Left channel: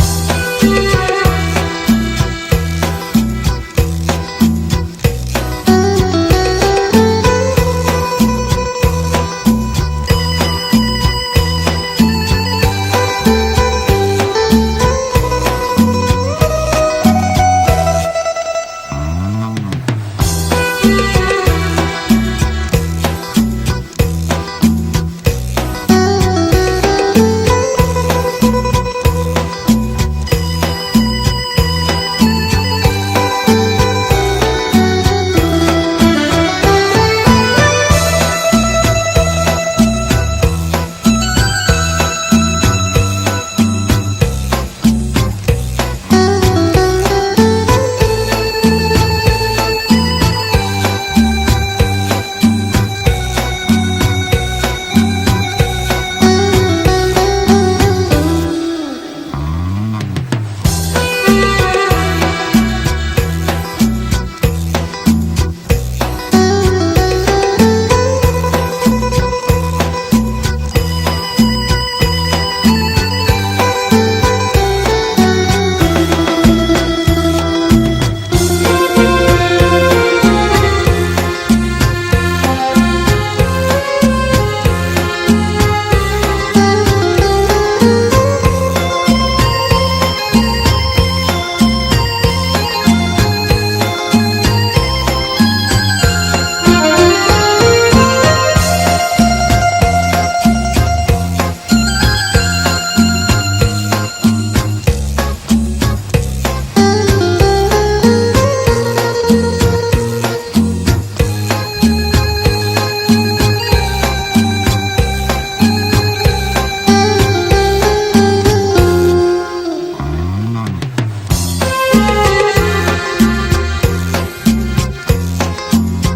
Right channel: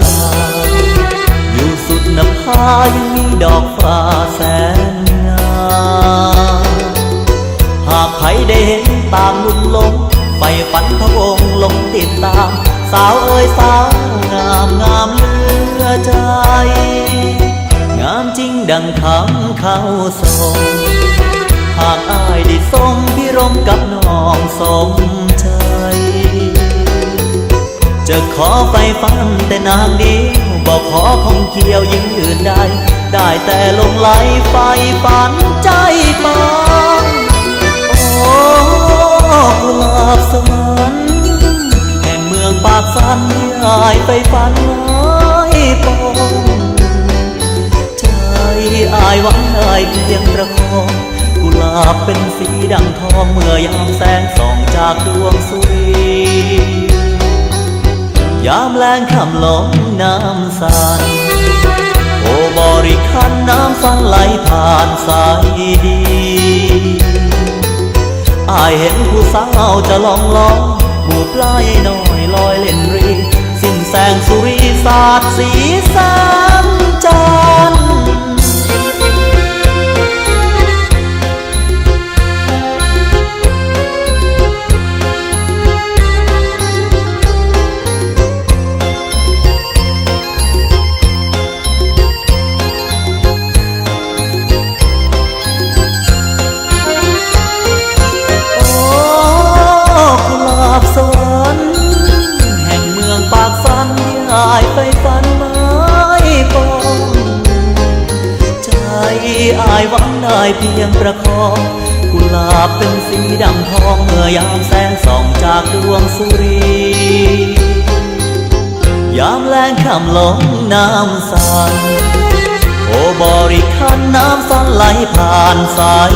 ตาอยู่สุดนภามีดอกฟ้าแสนงามหากใครได้เห็นตามลุ่มลมไม่ฝันพะวงลงติดตามสาวเอ้ยสาวงามงามเหลือใจงามจริงดังคำเขาทรงหากอายได้ทรงพิรมกับน้องสมใจจะขอไปฟังแต่นางเดียวบอกขอคงเกี่ยวยิ่งอื่นใดได้แต่ลงไหลไปฝันใจปานโอ้กุหลาบสวรรค์แห่งเมืองปากสันหายไปฝันน้อยปองใจอายหวังอายเพียงประคองกุหลาบเป็นสีดังทองเมื่อยามแสงส่องจากดวงสุรียามแลงค่ำลงน้ำสายโอบริคันน้ำฟันไหลผ่านสายดีอายเห็นผู้สาวจะลองลองผูกปลายน้อยลอยเล่นรีสิ้นแสงสุริสาดสีสันจันทร์เพียงประคองกุหลาบเป็นสีดำทองเมื่อยามแสงส่องจากดวงสุรียามแลงค่ำลงน้ำใสโอบริคันน้ำสันไหลผ่านสาย